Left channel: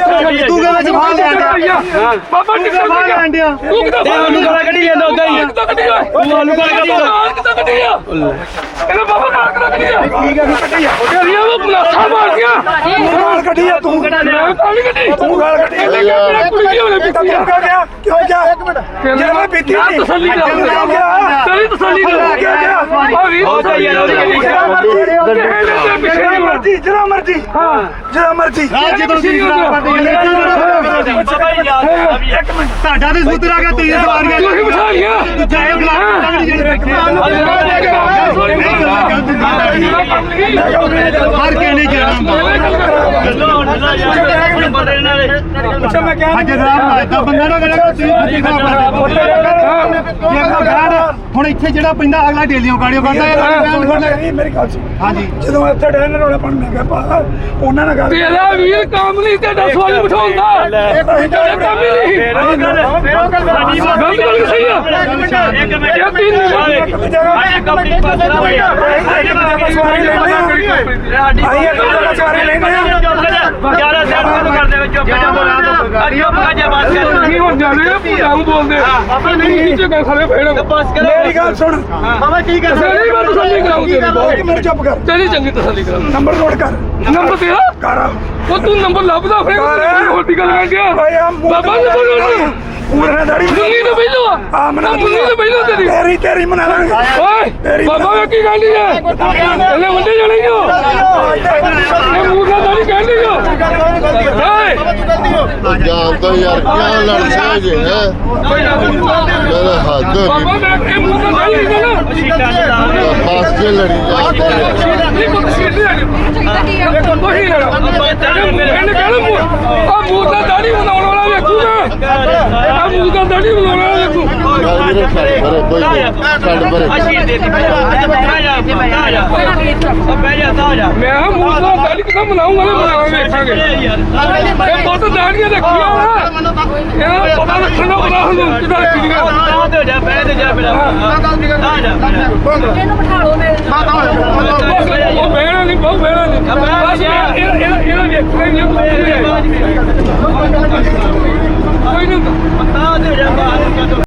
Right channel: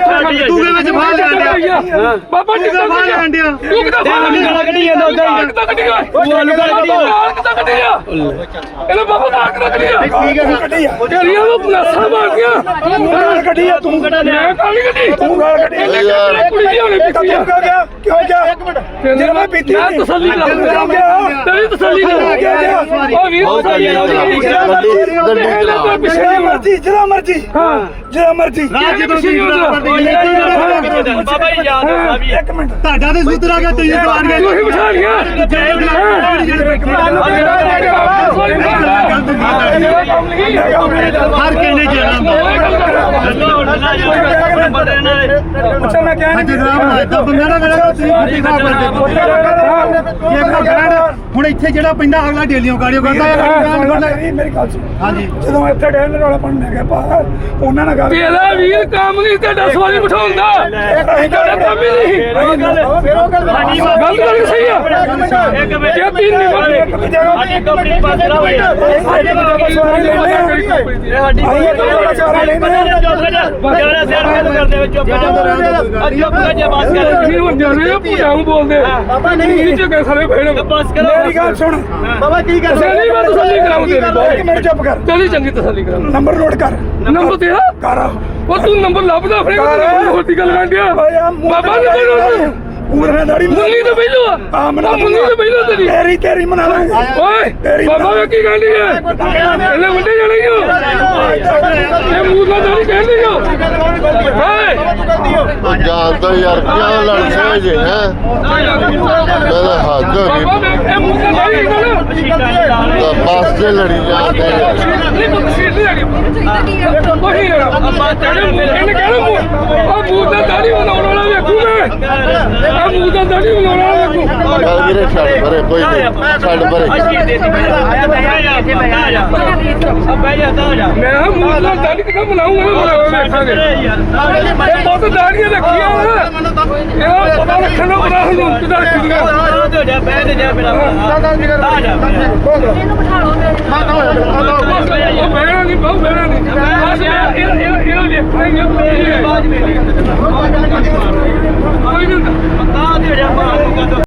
ਤੂੰ ਕਹਿੰਦਾ ਜਵਾਹ ਲੈ ਆਂਦਾ ਬਾਬਾ ਟਿਕਾ ਲੈ ਆਂਦਿਆ ਇੱਕ ਤਾਂ ਉਹਨੂੰ ਗਲਾ ਕੱਢੀ ਜਾਂਦਾ ਉਦਾਂ ਹੀ ਇੱਕ ਤਾਂ ਕੱਢੀ ਗਿਆ ਉਹ ਆਲੂ ਕੱਢੀ ਗਿਆ ਇੱਕ ਤਾਂ ਕੱਢੀ ਗਿਆ ਕਹਿੰਦਾ ਬਾਬਾ ਨਾ ਕੱਢ ਲਿਆ ਠੀਕ ਹੈ ਜੀ ਕੱਢੀ ਆ ਉਹ ਲਿਆ ਉਹ ਪਲਾਸਾ ਮਾਰ ਗਿਆ ਤੂੰ ਗਲਾ ਕੱਢੀ ਆ ਤੂੰ ਕੱਢਾ ਲਿਆ ਕਾਲੀ ਕੱਢੀ ਤੂੰ ਗਲਾ ਕੱਢੀ ਲੈ ਕੇ ਕੁੜੀ ਕੀ ਹੋਣੀ ਪਿੱਛੇ ਕਿਉਂ ਕਿਆ ਗਿਆ ਕਿਉਂ ਗਿਆ ਇੱਕ ਮਿੰਟ ਜੇ ਮੈਂ ਪੀਤੀ ਨਹੀਂ ਯਾਰ ਤਸੱਲੀ ਦਾ ਕਿਉਂ ਗਿਆ ਤੇਰੀ ਤਸੱਲੀ ਦਾ ਕਿਉਂ ਗਿਆ ਉਹ ਵੀ ਤਸੱਲੀ ਦਾ ਕਿਉਂ ਗਿਆ ਜਿਹੜਾ ਮਰਜ਼ੀ ਜਿਹੜਾ ਮਰਜ਼ੀ ਹਾਂ ਜਿਹੜਾ ਮਰਜੀ ਰਾਜ ਜਦੋਂ ਦੀ ਜਿਹੜਾ ਮਰਜੀ ਬਾਬਾ ਜੀ ਯਾਦ ਆ ਵੀ ਇੱਕ ਮਿੰਟ ਤੁਹਾਡਾ ਤੇ ਸੁਤਰ ਆ ਗਿਆ ਤੇ ਸਵਾਰੀਆਂ ਤੁਸੀਂ ਬਿਠਾ ਲੀਆਂ ਜੈ ਬਲਾ ਜਿਹੜੇ ਬੈਠੇ ਹਰ ਕੇ ਨਹੀਂ ਗਿਆ ਹੁਣ ਇੱਥੇ ਜਿਹੜਾ ਪੈਂਦਾ ਅਗਲਾ ਡੇਲੀਓਂ ਕਾੜਿਓ ਕਰਦਾ ਹੈ ਮੇਰੀ ਗੱਲ ਸੁਣ ਹਾਂਜੀ ਜਦੋਂ ਇੱਥੇ ਡੇਲਰ ਵਾਲਾ ਪਣ ਮੈਂ ਪਾ ਉਹਨਾਂ ਨਾਲ ਗੱਲ ਤੇਰਾ ਵੀਰ ਕੰਮ ਨਹੀਂ ਤੇ 10 ਵਾਰੀ ਬਿਠਾਉਂਦਾ ਇਹ ਕੰਮ ਨਹੀਂ ਤੇਰਾ ਗੱਲ ਗੱਲ ਗੱਲ ਸਹੀ ਆ ਇੱਕ ਮਿੰਟ ਇੱਕ ਮਿੰਟ ਜਰਾ ਇੱਕ ਮਿੰਟ ਬਸ ਰਹਾ ਹੈ ਬੋਲਦੇ ਨਹੀਂ ਚੁੱਕੇ ਸਾਰੇ ਫੇੜੋ ਬਸ ਮੇਰੀ ਗੱਲ ਸੁਣ ਬਾਬਾ ਕੀ ਕਰ ਤੇਰੀ ਗੱਲ ਤਸੱਲੀ ਕਰਾਉ ਤੇਰੀ ਕਿ ਮੈਨੂੰ ਚੁੱਪ ਕਰ ਤੇਰੀ ਚੰਗੀ ਤਸੱਲੀ ਕਰਾਉ ਨੰਬਰ ਨੋਟ ਕਰ ਨੰਬਰ ਤੇਰਾ ਕਰ ਉਹ ਤੂੰ ਨੰਬਰ ਲੱਭਦਾ ਫੇਰ ਹੋਰ ਦੀ ਗੱਲ ਕਰ ਗਿਆ ਬਾਬਾ ਨੰਬਰ ਨੋਟ ਉਹਨਾਂ ਦਾੜੀ ਦੁੱਲੀ ਤੋਂ ਪਹਿਲੋ ਆ ਮਨਾ ਦੁੱਲੀ ਤੋਂ ਪਹਿਲੋ ਤੇਰੀ ਤੇਰੀ ਤੇਰੀ ਮਨਾ ਲਾਂਗੇ ਓਏ ਬਾਬਾ ਵੇ ਕੀ ਗੱਲ ਹੈ ਇਹਨੇ ਉੱਡੇ ਜਣੇ ਹੋ ਇਹ ਮੂਗਾ ਦਾੜੀ ਕਹਿ ਲਿਓ ਓਏ ਪੰਜਾਬ ਦਾ ਯਾਰ ਕਿਆ ਲੜ ਰਿਹਾ ਜੇ ਹੈ ਬਾਬਾ ਇਹ ਮੂਗਾ ਦਾੜੀ ਕਹਿ ਨਾ ਬਸ ਕੇ ਲੜੀ ਜਾ ਕੋਈ ਨਹੀਂ ਕੋਈ ਨਹੀਂ ਆ ਗਿਆ ਕੋਈ ਨਹੀਂ ਆ ਗਿਆ ਅੱਬਾ ਤੇਰੇ ਮੂੰਹ ਨੇ ਕਹਿ ਲਿਓ ਆ ਮੂਗਾ ਮੇਰੇ ਖਾਲੇ ਭਰੇ ਕੋਈ ਨਹੀਂ ਛੱਡ ਭਰੇ ਅੱਜ ਦੇ ਦੇ ਪਹਿਲਾਂ ਆ ਜਾ ਆ ਜਾ ਆ ਜਾ ਆ ਬਹਿ ਜਾ ਆ ਜਾ ਮੈਂ ਹਾਂ ਮੂੰਹ ਤੋਂ ਗੱਲ ਕਿਦਾਂ ਬਣਾਉਂਗਾ ਮੈਂ ਵੇਖਾਂਗੇ ਇਹ ਬਹੁਤ ਦਾੜੀਆਂ ਰੱਖੀਆਂ ਵਾ ਇਹ ਪਤਾ ਰੱਖਣ ਦਾ ਬਣਾ ਹੁੰਦਾ ਕਿਦਾਂ ਰੱਖੀ ਗਿਆ ਆ ਜਾ ਬਹਿ ਜਾ ਮੇਰਾ ਆ ਜਾ ਮੇਰਾ ਬੰਦ ਇਹਨੂੰ ਬਿਠਾ ਲਓ ਮੇਰੇ ਬਾਹਰ ਆ ਜਾ ਬਹਿ ਜਾ ਨਹੀਂ ਬਹਿ ਜਾ ਨਹੀਂ ਇਹ ਇਹ ਇਹ ਵੇਖ ਨਹੀਂ ਕੋਈ ਨਹੀਂ ਪਤਾ ਦੇ ਜਾ ਬਾਹਰ